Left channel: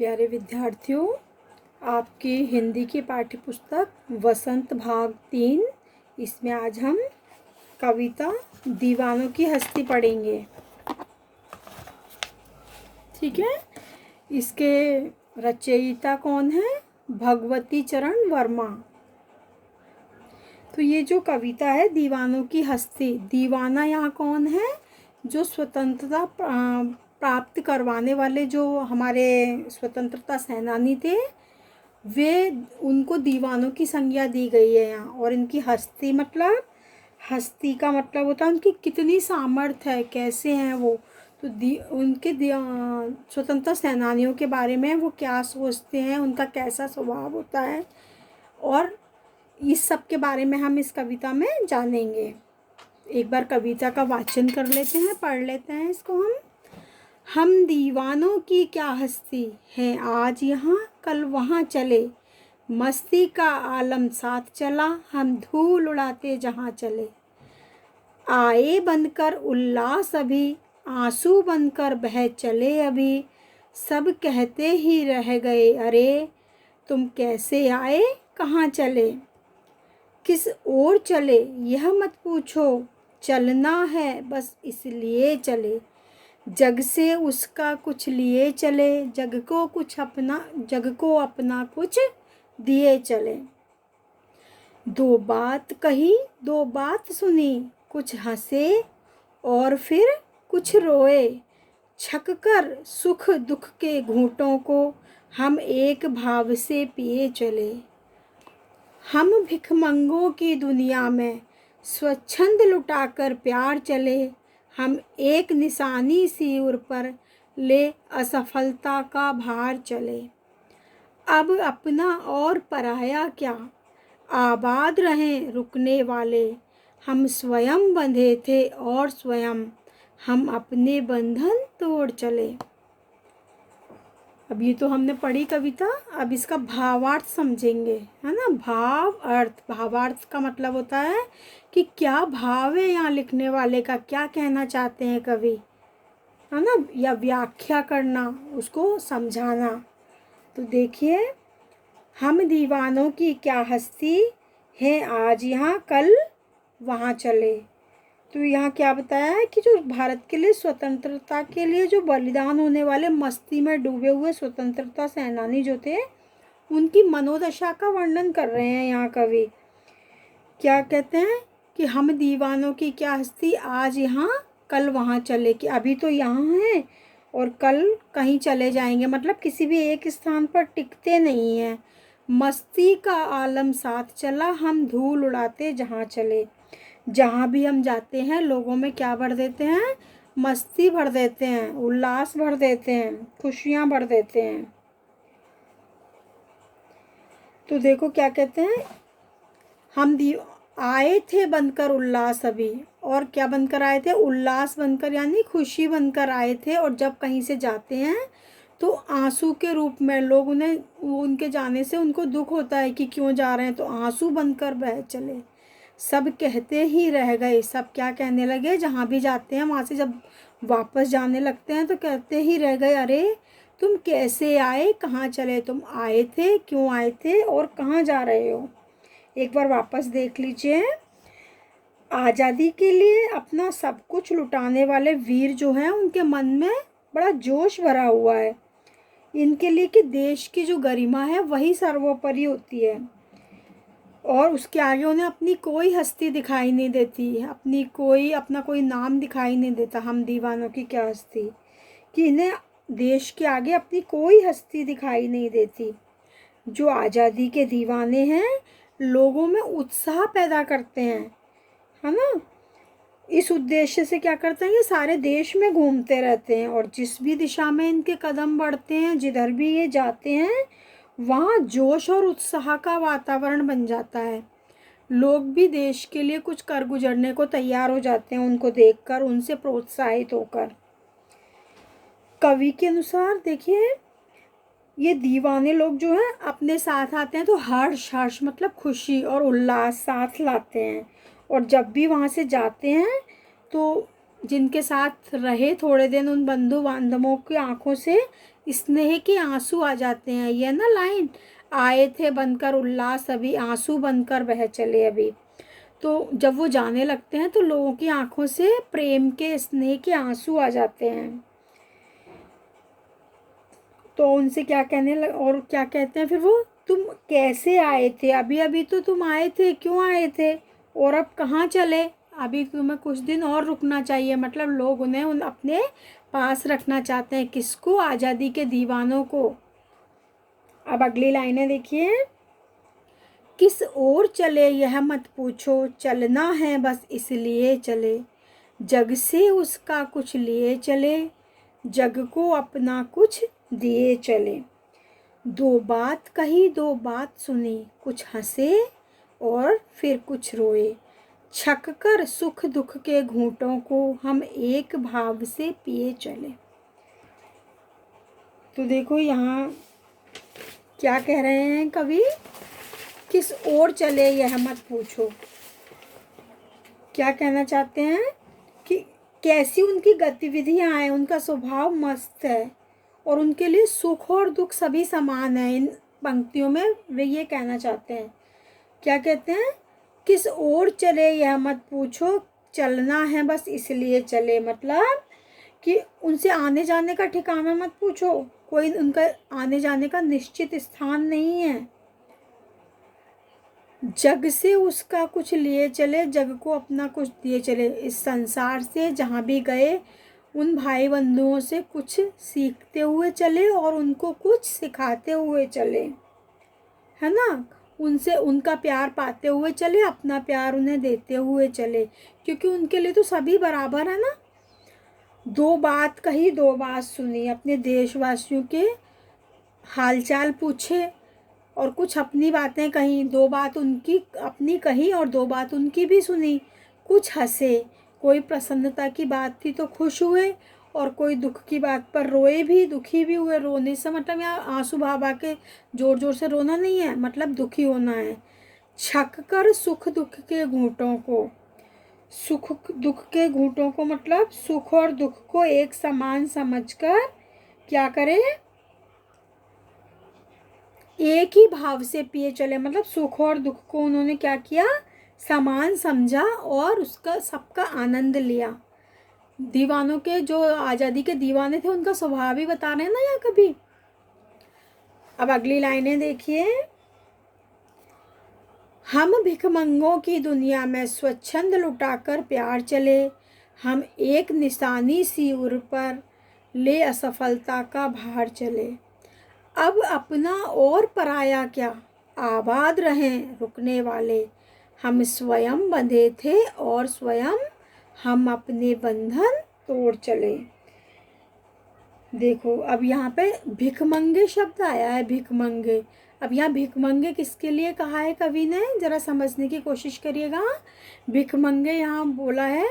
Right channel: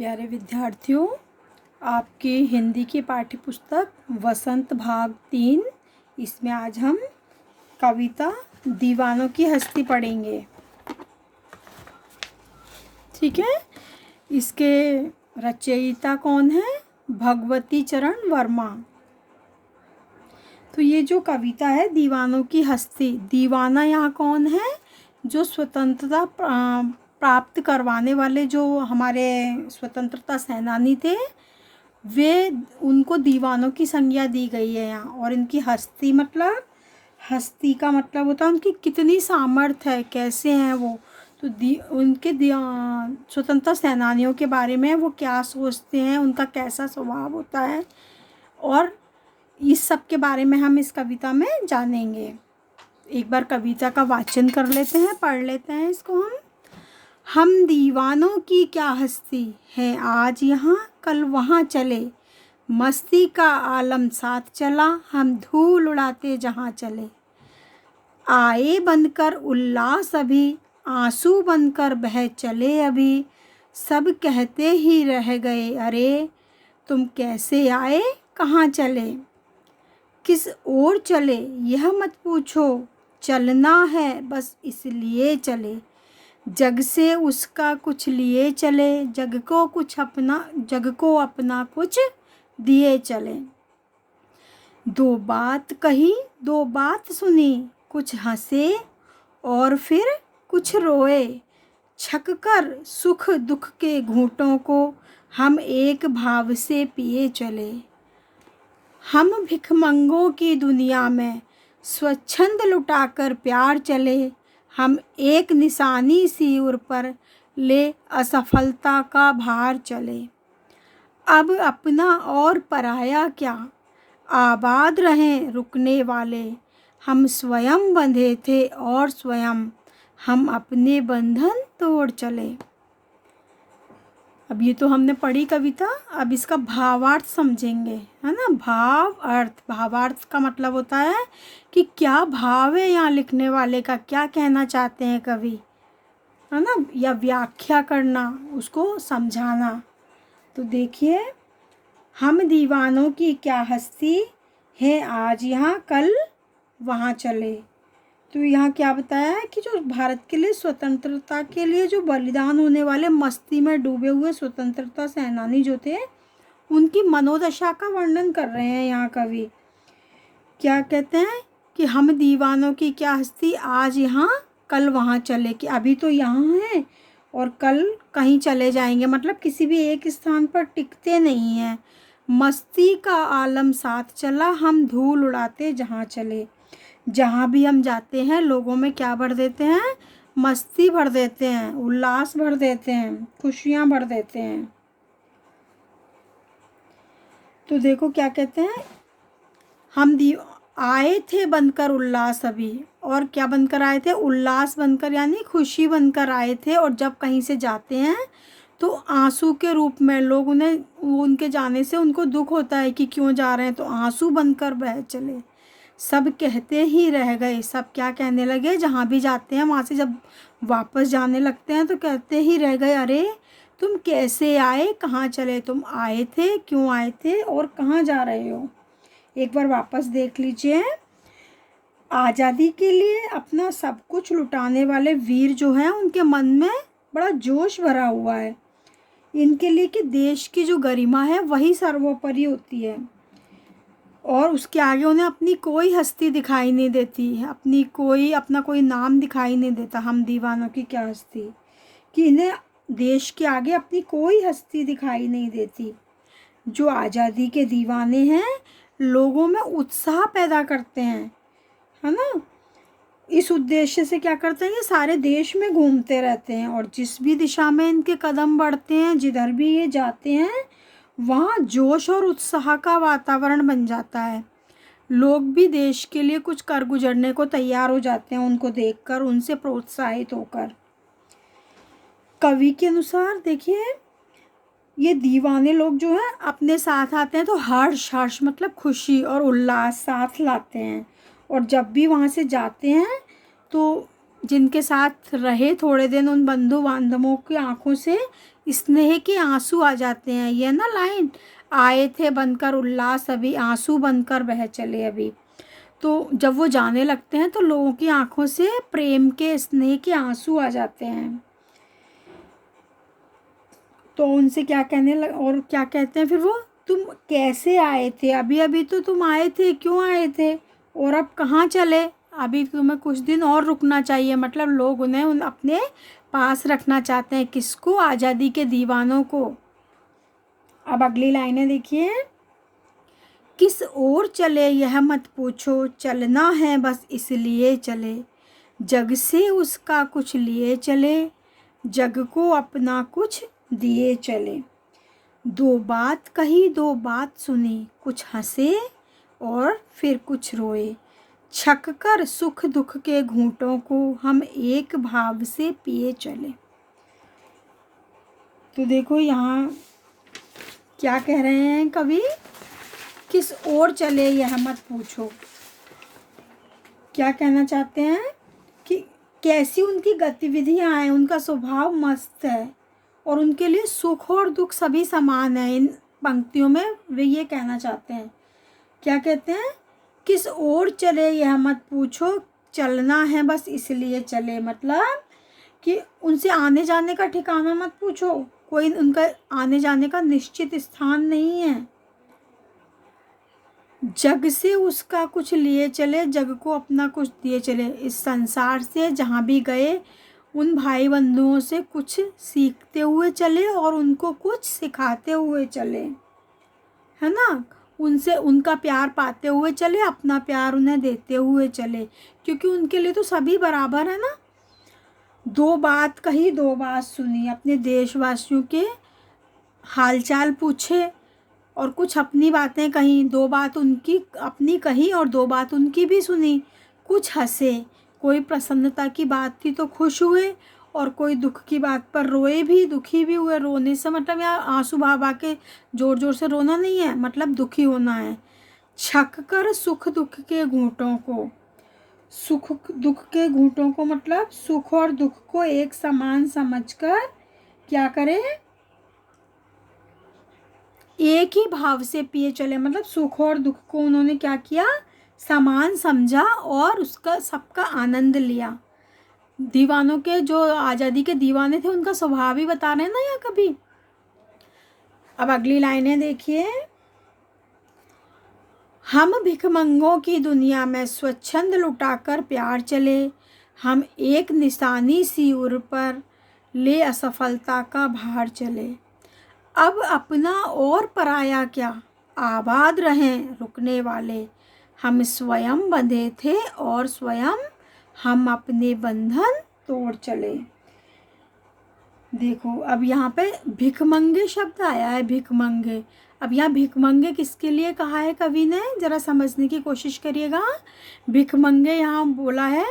प्यारे विद्यार्थियों, आपकी हिंदी की पाठ्य पुस्तक वसंत भाग 3, इसमें आज हम कविता दीवानों की हस्ती पढ़ेंगे। ठीक है। इसके रचयिता कौन है? भगवती चरण वर्मा। तो ये जो कविता है दीवानों की हस्ती, दीवाना यहाँ कौन है? जो स्वतंत्रता प्राप्त करवाने वाले जो हमारे स्वतंत्रता सेनानी थे, वे उनको दीवानों की संज्ञा दी गई है यहाँ। और इनकी हस्ती मतलब, हस्ती का मतलब होता है उनकी कितनी सामर्थ्य है, कैसे हैं वो। तो उनके स्वतंत्रता सेनानियों के बारे में वो क्या सोचते हैं, उनका कैसा स्वभाव होता है, और इस सब के बारे में हम इस कविता में जानेंगे। एक बार कविता का वाचन कर लेते हैं, पढ़ लेते हैं इसको हम दीवानों की क्या हस्ती है, आज यहाँ कल वहाँ चले, मस्ती का आलम साथ चला, हम धूल उड़ाते जहाँ चले। आए बनकर उल्लास अभी, आंसू बनकर बह चले अभी, सब कहते ही रह गए अरे, तुम कैसे आए कहाँ चले। किस ओर चले यह मत पूछो, चलना है बस इसलिए चले, जग से उसका कुछ लिए चले, जग को अपना कुछ दिए चले। दो बात कही दो बात सुनी, कुछ हंसे और फिर कुछ रोए, छक कर सुख दुख के घूंटों को हम एक भाव से पिए चले। हम भिखमंगों की दुनिया में स्वच्छंद लुटाकर प्यार चले, हम एक निशानी सी उर पर ले असफलता का भार चले। अब अपना और पराया क्या, आबाद रहें रुकने वाले, हम स्वयं बंधे थे और स्वयं हम अपने बंधन तोड़ चले। अब ये तो हमने पढ़ी कविता, अब इसका भावार्थ समझेंगे, है ना। भावार्थ का मतलब होता है कि क्या भाव है यहाँ लिखने वाले का, क्या कहना चाहते हैं कवि, है ना, या व्याख्या करना, उसको समझाना। तो देखिए, हम दीवानों की क्या हस्ती है, आज यहाँ कल वहाँ चले। तो यहाँ क्या बताया है कि जो भारत के लिए स्वतंत्रता के लिए जो बलिदान होने वाले, मस्ती में डूबे हुए स्वतंत्रता सेनानी जो थे, उनकी मनोदशा का वर्णन कर रहे हैं यहाँ कवि। क्या कहते हैं कि हम दीवानों की क्या हस्ती, आज यहाँ कल वहाँ चले, कि अभी तो यहाँ हैं और कल कहीं चले जाएंगे, मतलब किसी भी एक स्थान पर टिकते नहीं हैं। मस्ती का आलम साथ चला, हम धूल उड़ाते जहाँ चले। जहाँ भी हम जाते हैं लोगों में क्या भर देते हैं, मस्ती भर देते हैं, उल्लास भर देते हैं, खुशियाँ भर देते हैं। तो देखो क्या कहते हैं, हम आए थे बनकर उल्लास अभी, और क्या बनकर आए थे, उल्लास बनकर, यानी खुशी बनकर आए थे। और जब कहीं से जाते हैं तो आंसू के रूप में लोग उनके जाने से उनको दुख होता है कि क्यों जा रहे हैं, तो आंसू बनकर बह चले। सब कहते ही रह गए, सब क्या कहने लगे, जहाँ भी जाते हैं वहाँ से जब वापस जाने लगते हैं तो कहते ही रह गए अरे, तुम कैसे आए कहाँ चले, तुम आए थे क्यों आए थे और कहाँ जा रहे हो। एक बार वापस देख लीजिए। आज़ादी के लिए अपना सब कुछ लुटाने वाले वीर जो हैं, उनके मन में बड़ा जोश भरा हुआ है इनके लिए कि देश की जो गरिमा है वही सर्वोपरि होती है, और उसके आगे उन्हें अपनी कोई हस्ती दिखाई नहीं देती, अपना कोई नाम दिखाई नहीं देता। हम दीवानों की क्या हस्ती, कि इन्हें देश के आगे अपनी कोई हस्ती दिखाई नहीं देती। जो आज़ादी के दीवाने हैं, लोगों में उत्साह पैदा करते हैं, है ना। इस उद्देश्य से क्या करते हैं, ये सारे देश में घूमते रहते हैं, और जिस भी दिशा में इनके कदम बढ़ते हैं, जिधर भी ये जाते हैं, वहाँ जोश और उत्साह का वातावरण बन जाता है। लोग भी देश के लिए कुछ कर गुजरने को तैयार हो जाते हैं उनको देखकर, उनसे प्रोत्साहित होकर। कवि के अनुसार देखिए, ये दीवाने लोग जो हैं अपने साथ आते हैं तो हर्ष मतलब खुशी और उल्लास साथ लाते हैं, और जब भी वहाँ से जाते हैं तो जिनके साथ रहे थोड़े दिन, उन बंधु बांधवों की आंखों से स्नेह के आंसू आ जाते हैं। ये ना लाइन, आए थे बनकर उल्लास अभी, आंसू बनकर बह चले अभी। तो जब वो जाने लगते हैं तो लोगों की आंखों से प्रेम के, स्नेह के आंसू आ जाते हैं। तो उनसे क्या कहने लग, और क्या कहते हैं फिर वो, तुम कैसे आए थे, अभी अभी तो तुम आए थे, क्यों आए थे, और अब कहाँ चले, अभी तुम्हें कुछ दिन और रुकना चाहिए। मतलब लोग उन्हें अपने पास रखना चाहते हैं। किसको? आज़ादी के दीवानों को। अब अगली लाइनें देखिए। किस ओर चले यह मत पूछो, चलना है बस इसलिए चले, जग से उसका कुछ लिए चले, जग को अपना कुछ दिए चले। दो बात कही दो बात सुनी, कुछ हंसे और फिर कुछ रोए, छक कर सुख दुख के घूंटों को हम एक भाव से पिए चले। तो देखो यहाँ क्या कह रहे हैं कवि, किस ओर चले यह मत पूछो। क्या कहना चाहते हैं कि कैसी उनकी गतिविधियां हैं, उनका स्वभाव मस्त है और उनके लिए सुख और दुख सभी समान है। इन पंक्तियों में वे ये कहना चाहते हैं। क्या कहते हैं? किस ओर चले यह मत पूछो, चलना है बस इसलिए चले। मतलब कि उनसे आने जाने का ठिकाना मत पूछो, कोई उनका आने जाने का निश्चित स्थान नहीं है। जग से उसका कुछ लिए चले, जग को अपना कुछ दिए चले। इस संसार से जहाँ भी गए उन भाई बंधुओं से कुछ सीखते हुए चले और उनको कुछ सिखाते हुए चले, है ना। उनसे उनका प्यार पाते हुए चले, अपना प्यार उन्हें देते हुए चले, क्योंकि उनके लिए तो सभी बराबर है ना। दो बात कही दो बात सुनी, अपने देशवासियों के हालचाल पूछे और कुछ अपनी बातें कही, दो बात उनकी अपनी कही और दो बात उनकी भी सुनी। कुछ हंसे, कोई प्रसन्नता की बात थी तो खुश हुए और कोई दुख की बात पर रोए भी, दुखी भी हुए। रोने से मतलब यहाँ आंसू बहा के जोर जोर से रोना नहीं है, मतलब दुखी होना है। छक कर सुख दुख के घूंटों को, सुख दुख के घूंटों को मतलब सुख और दुख को एक समान समझकर क्या करे, एक ही भाव से पिए चले। मतलब सुख और दुख को उन्होंने क्या किया, समान समझा और उसका सबका आनंद लिया। दीवानों के, जो आज़ादी के दीवाने थे, उनका स्वभाव ही बता रहे हैं ना यहाँ कभी। अब अगली लाइनें देखिए। हम भिखमंगों की दुनिया में स्वच्छंद लुटाकर प्यार चले, हम एक निशानी सी उर पर ले असफलता का भार चले। अब अपना और पराया क्या, आबाद रहें रुकने वाले, हम स्वयं बंधे थे और स्वयं हम अपने बंधन तोड़ चले। देखो अब यहाँ पे भिखमंगे शब्द आया है, भिखमंगे। अब यहाँ भिखमंगे किसके लिए कहा है कवि ने, जरा समझने की कोशिश करिएगा। भिखमंगे यहाँ बोला है,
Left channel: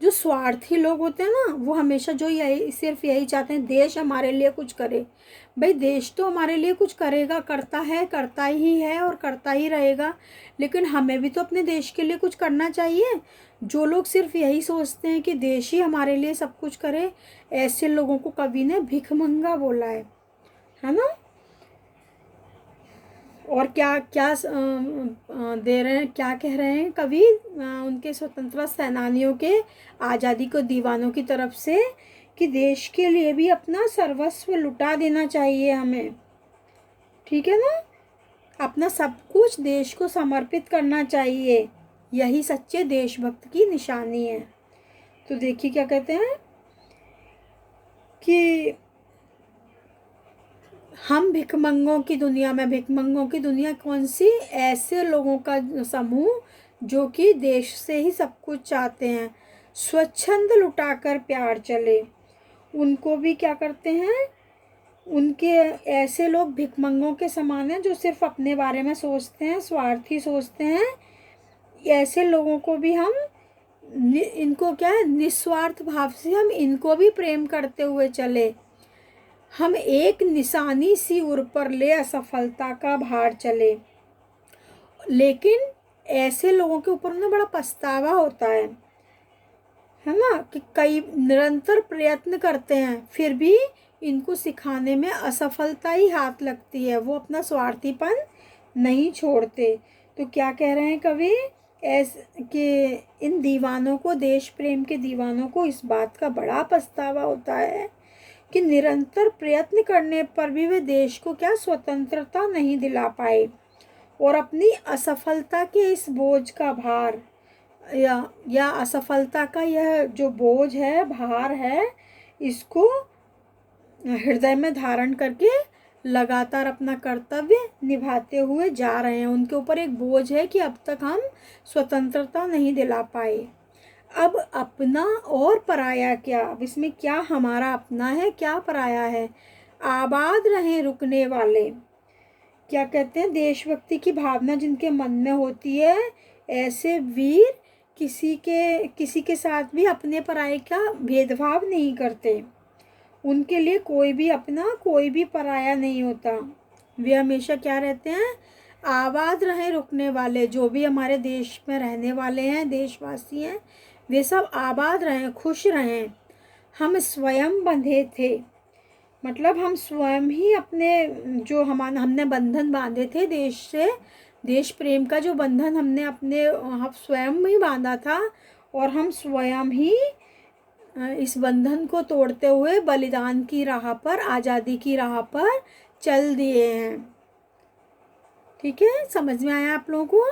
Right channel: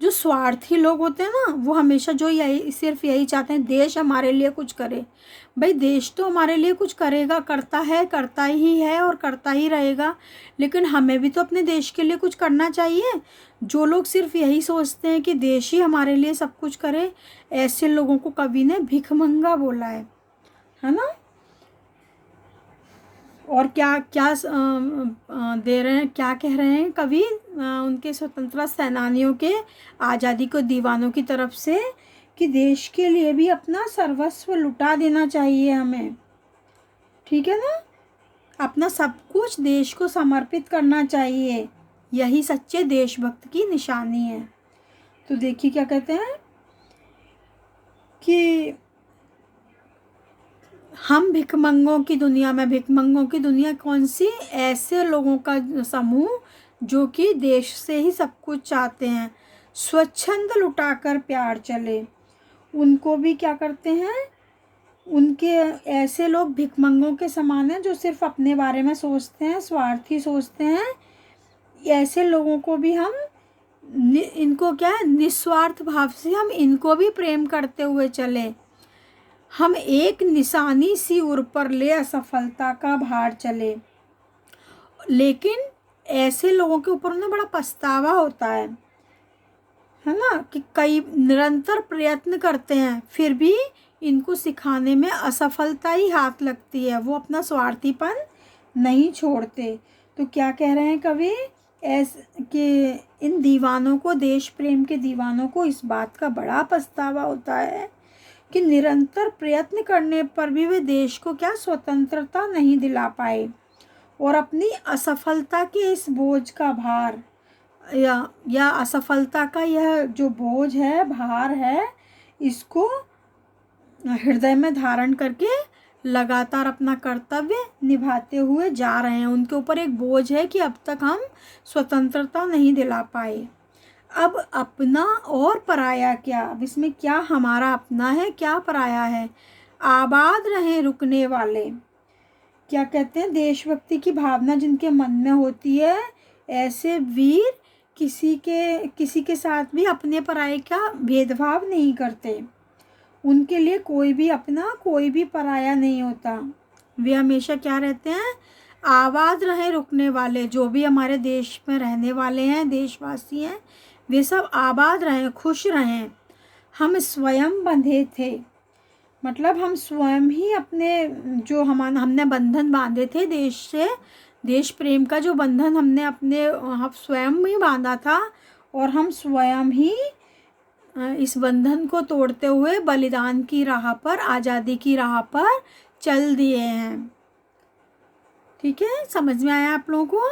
जो स्वार्थी लोग होते हैं ना, वो हमेशा जो यही सिर्फ यही चाहते हैं देश हमारे लिए कुछ करे। भाई देश तो हमारे लिए कुछ करेगा, करता है, करता ही है और करता ही रहेगा, लेकिन हमें भी तो अपने देश के लिए कुछ करना चाहिए। जो लोग सिर्फ यही सोचते हैं कि देश ही हमारे लिए सब कुछ करे, ऐसे लोगों को कवि ने भिखमंगा बोला है ना। और क्या क्या दे रहे हैं, क्या कह रहे हैं कवि उनके स्वतंत्रता सेनानियों के, आज़ादी को दीवानों की तरफ से, कि देश के लिए भी अपना सर्वस्व लुटा देना चाहिए हमें, ठीक है ना। अपना सब कुछ देश को समर्पित करना चाहिए, यही सच्चे देशभक्त की निशानी है। तो देखिए क्या कहते हैं कि हम भिखमंगों की दुनिया में, भिखमंगों की दुनिया कौन सी, ऐसे लोगों का समूह जो कि देश से ही सब कुछ चाहते हैं, स्वच्छंद लुटाकर प्यार चले। उनको भी क्या करते हैं, उनके ऐसे लोग भिखमंगों के समान हैं जो सिर्फ अपने बारे में सोचते हैं, स्वार्थी सोचते हैं। ऐसे लोगों को भी हम इनको क्या है, निस्वार्थ भाव से हम इनको भी प्रेम करते हुए चले। हम एक निशानी सी उर पर ले असफलता का भार चले। लेकिन ऐसे लोगों के ऊपर उन्हें बड़ा पछतावा होता है ना, कि कई निरंतर प्रयत्न करते हैं फिर भी इनको सिखाने में असफलता ही हाथ लगती है, वो अपना स्वार्थीपन नहीं छोड़ते। तो क्या कह रहे हैं कवि, कि इन दीवानों को, देश प्रेम के दीवानों को इस बात का बड़ा पछतावा होता है कि निरंतर प्रयत्न करने पर भी वे देश को क्या स्वतंत्रता नहीं दिला पाए, और अपनी असफलता के इस बोझ का भार या असफलता का यह जो बोझ है, भार है, इसको हृदय में धारण करके लगातार अपना कर्तव्य निभाते हुए जा रहे हैं। उनके ऊपर एक बोझ है कि अब तक हम स्वतंत्रता नहीं दिला पाए। अब अपना और पराया क्या, अब इसमें क्या हमारा अपना है, क्या पराया है। आबाद रहे रुकने वाले, क्या कहते हैं, देशभक्ति की भावना जिनके मन में होती है, ऐसे वीर किसी के साथ भी अपने पराये का भेदभाव नहीं करते। उनके लिए कोई भी अपना, कोई भी पराया नहीं होता। वे हमेशा क्या रहते हैं, आबाद रहे रुकने वाले। जो भी हमारे देश में रहने वाले हैं, देशवासी हैं, वे सब आबाद रहें, खुश रहें। हम स्वयं बंधे थे, मतलब हम स्वयं ही अपने जो हमने बंधन बांधे थे देश से, देश प्रेम का जो बंधन हमने अपने हम स्वयं ही बांधा था, और हम स्वयं ही इस बंधन को तोड़ते हुए बलिदान की राह पर, आज़ादी की राह पर चल दिए हैं। ठीक है, समझ में आया आप लोगों को।